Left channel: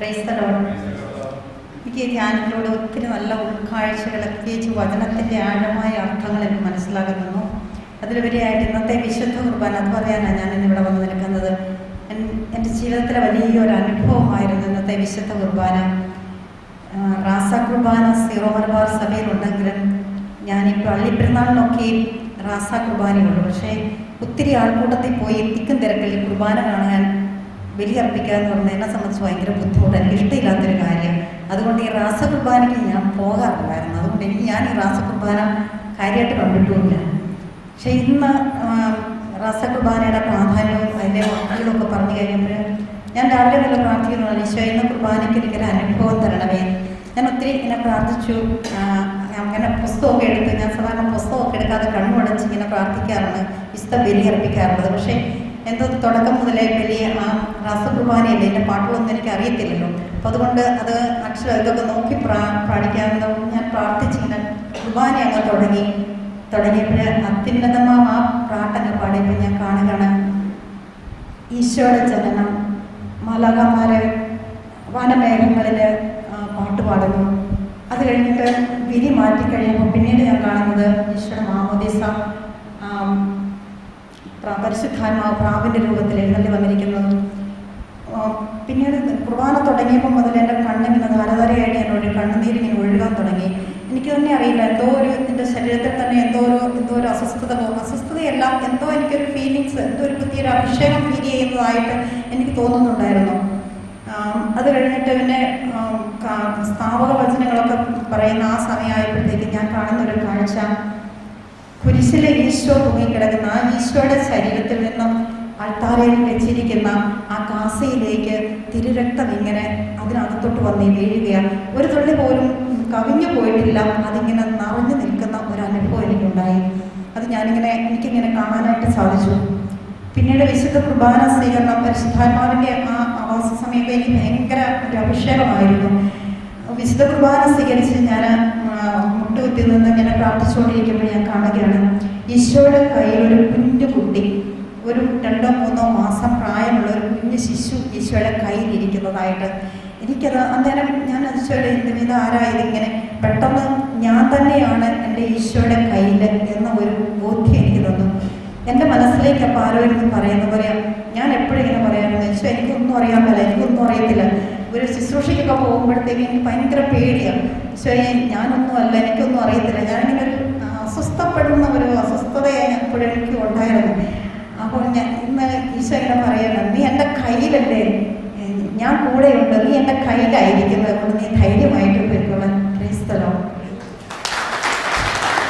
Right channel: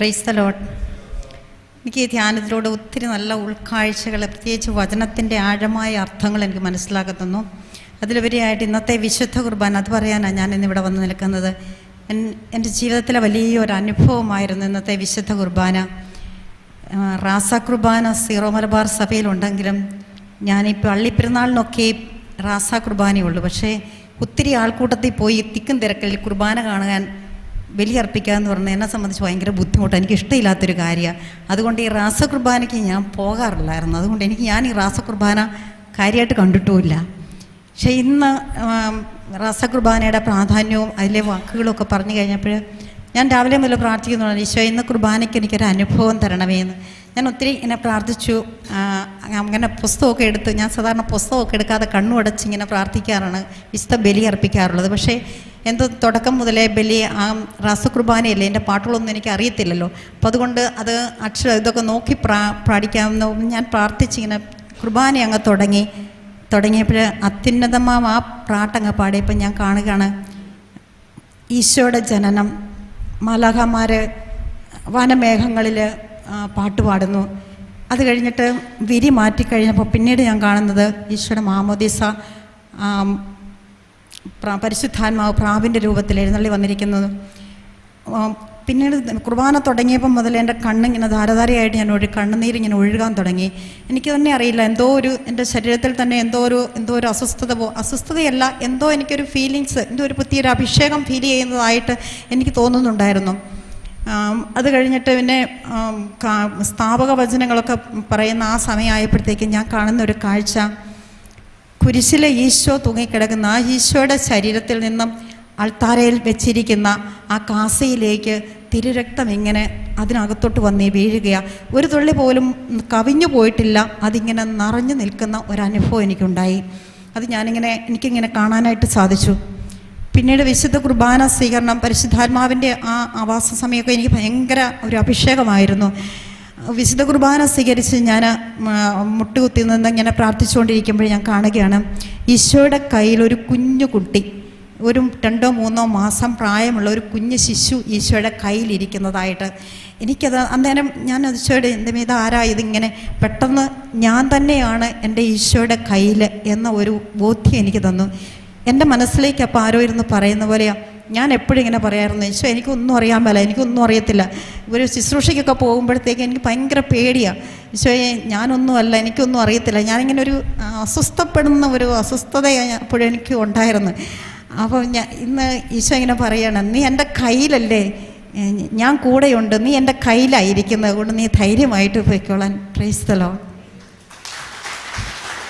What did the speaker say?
Praise the Lord. എനിക്ക് ഈ ധ്യാനത്തിലൂടെ ഒത്തിരി നല്ല ഉൾക്കാഴ്ചകൾ, പ്രത്യേകിച്ച് വചനത്തിൻ്റെ ആഴമായ അർത്ഥങ്ങൾ എനിക്ക് മനസ്സിലാക്കുന്നു. അതിലുപരിയായിട്ട് ഇന്നത്തെ വിശുദ്ധ കുർബാന, അത് പറയാനാണ് ഞാൻ ഇന്നിവിടെ വന്ന് നിൽക്കുന്നത്. എൻ്റെ ജീവിതത്തിലെ വലിയൊരു അനുഭവമായിരുന്നു ഇന്നത്തെ വിശുദ്ധ കുർബാന. റാസ കുർബാന സീറോ മലബാർ സഭയിലുണ്ടെങ്കിലും ഞാനീ പള്ളിപ്പെരുന്നാളിനൊക്കെ റാസ കുർബാനയുള്ളൂ. പക്ഷേ ഒത്തിരി ആൾക്കൂട്ടത്തിൽ പോയി തിക്കും തിരക്കിൽ കുർബാന കാണാൻ ബലിയർപ്പിക്കുക എന്ന് പറഞ്ഞാൽ എന്നെ സംബന്ധിച്ച് ഭയങ്കര ബുദ്ധിമുട്ടാണ്. എനിക്ക് ഇഷ്ടമില്ലാത്തൊരു കാര്യമാണ്. അതുകൊണ്ട് ഈ റാസ കുർബാനയ്ക്ക് ഞാൻ പോകാറില്ലായിരുന്നു. അതുകൊണ്ട് ഞാൻ ഈ റാസ കുർബാന കാര്യമായിട്ട് കണ്ടിട്ടുമില്ല. പക്ഷേ ഇന്ന് റാസ കുർബാനയുടെ പ്രാധാന്യവും അതിലെ വാക്കുകളൊക്കെ പറഞ്ഞു കഴിഞ്ഞപ്പോൾ ഞാൻ രാവിലെ മുതൽ പ്രാർത്ഥിക്കുന്നുണ്ട്, ഈശോ ഇന്ന് കുർബാനയ്ക്ക് എനിക്കൊരു അനുഭവം തരണമേ എന്ന്. ഞാൻ ഒത്തിരി ഇങ്ങനെ പ്രാർത്ഥിച്ചു. അങ്ങനെ പുസ്തകമൊക്കെ എടുത്ത്, ഞാൻ സാധാരണ പുസ്തകമൊക്കെ എടുക്കാതെ കണ്ണുടച്ച് ഇങ്ങനെ പ്രാർത്ഥിക്കാറാണ്, വിശുദ്ധ ബലി അർപ്പിക്കാറുള്ളത്. പക്ഷേ എന്തോ തുടക്കം മുതലേ ബലി റാസ കുർബാനയല്ലേ, എൻ്റെ പാട്ടുകളൊന്നും എനിക്ക് അറിയത്തില്ലല്ലോ. അപ്പോൾ അതുകൊണ്ട് അത് ഇതൊക്കെ നോക്കി പാടിക്കാമെന്ന് ഞാൻ പ്രാർത്ഥിച്ചിങ്ങനെ കുർബാന അങ്ങ് തുടങ്ങിയപ്പോൾ അത്യുന്നതമാം ആ പാട്ടങ്ങ് പാടിയപ്പോൾ ഞാൻ കാണുകയാണ് ഈശോയുടെ ജനനം. മാലാഖമാർ വനമേഘങ്ങളിൽ പാട്ട് പാടുന്നു. അത് കഴിഞ്ഞിട്ട് വിരി മാറ്റിക്കഴിഞ്ഞപ്പോൾ പിന്നീട് ഞാൻ കാണുന്നത് ഈശോയുടെ മാമോദീസ, പരിശുദ്ധാത്മാവ് പ്രാവിൻ്റെ രൂപത്തിൽ എഴുന്നള്ളി വന്നിരിക്കുന്നത്. പിന്നീട് കുർബാന തുടങ്ങിയപ്പോൾ മുതൽ എൻ്റെ കണ്ണിങ്ങനെ ധാരധാരയായിട്ട് ഞാൻ കണ്ണുനീരിങ്ങനെ ഒഴുകാൻ തുടങ്ങി. എനിക്ക് തന്നെ അറിയില്ല, എൻ്റെ ശരീരത്തിൽ തന്നെ എന്തോ ഒരു അസ്വസ്ഥതയല്ല, എന്തോ എനിക്കൊരു ഫീലിങ്സ്, എന്തോ ഒരു പുതിയൊരു അഭിഷേകം ഫീൽ ചെയ്യുന്നതായിട്ട് എനിക്ക് തോന്നുന്നുണ്ടായിരുന്നു. അത് കഴിഞ്ഞിട്ട് പിന്നെ സ്ഥാപക വചനങ്ങളൊക്കെ പറയുന്ന ആ സമയമായപ്പോഴത്തേക്ക് ഞാൻ കാണുന്ന ഒരു കാഴ്ച, കുരിശിലെ ഈശോ തൂങ്ങിക്കിടക്കുന്ന ആ ഈശോയുടെ ശരീരത്തിൽ നിന്നും അൾത്താരയിൽ വെച്ചിരിക്കുന്ന ആ കാസയിലേക്ക് തിരുരക്തം ഇങ്ങനെ അതിനകത്തോട്ട് വന്ന് വീഴുകയാണ്. ഒരു തുള്ളി പോലും കവിഞ്ഞു പോയിട്ടില്ല, അതിങ്ങനെ നിറഞ്ഞു നിൽക്കുന്ന ഒരനുഭവം എനിക്കുണ്ടായി. അത് എനിക്കിങ്ങനെ കാണാനായിട്ട് സാധിച്ചു. പിന്നീട് വിശുദ്ധ കുർബാന സ്വീകരണം, പരിശുദ്ധാത്മാവിൻ്റെ ആ ആവാസ സമയമൊക്കെ എനിക്ക് ഭയങ്കര ഒരു അഭിഷേകമായിരുന്നു. വിശുദ്ധ കുർബാന സ്വീകരിച്ച് ഞാൻ മുട്ടുകുത്തി നിന്ന് ഇങ്ങനെ പ്രാർത്ഥിച്ചുകൊണ്ടിരിക്കുമ്പോൾ ഞാൻ കാണുകയാണ് ഈശോയുടെ കയ്യിൽ ഒരു കുഞ്ഞു കുട്ടി, ഒരു 2-3 മാസം പ്രായമുള്ള ഒരു കുഞ്ഞു ശിശു ഈശോയുടെ കയ്യിലിരിക്കുന്നതായിട്ട് എനിക്കത് അന്നേരം ഞാൻ ഈശോയുടെ ഇത് ആരാ ഇതിങ്ങനെ പെട്ടെന്ന് ഞാൻ തന്നെയാണ് എൻ്റെ ഈശോയുടെ കയ്യിൽ എന്ന ഒരു ബോധ്യം എനിക്ക് തന്നു. എൻ്റെ മനസ്സിലേക്ക് അപ്പോൾ ആരോ ഇരുന്ന് പറയുന്ന പോലെയാണ്. ഞാൻ എപ്പോഴും ഇങ്ങനെ പറയാറുണ്ട്, ഈശോ എനിക്കൊന്നും അറിയാൻ മേല, എനിക്കൊന്നും അറിയത്തില്ല. ഒരു ശുശ്രൂഷയ്ക്കൊക്കെ പോകുമ്പോഴത്തേക്ക് എനിക്ക് ഭയങ്കര പേടിയാണ്. ഈശോയെ ഞാനൊന്നും അല്ല, എനിക്കൊന്നും അറിയത്തില്ല. ഞാനിങ്ങനെ ഒരു അസ്വസ്ഥപ്പെടുന്ന ഒരു അസ്വസ്ഥത എപ്പോഴും എനിക്ക് ഉണ്ടായിരുന്നു. അപ്പോൾ ഇന്ന് ഈശോ ഇങ്ങനെ പറയണം, നീ എൻ്റെ കയ്യിലല്ലേ, ഞാൻ കൂടെയുണ്ട്, നീ എൻ്റെ കയ്യിലായിരിക്കുന്നത് കൊണ്ട് നീ ധൈര്യമായിട്ട് പോയിക്കോളാൻ. Praise the Lord.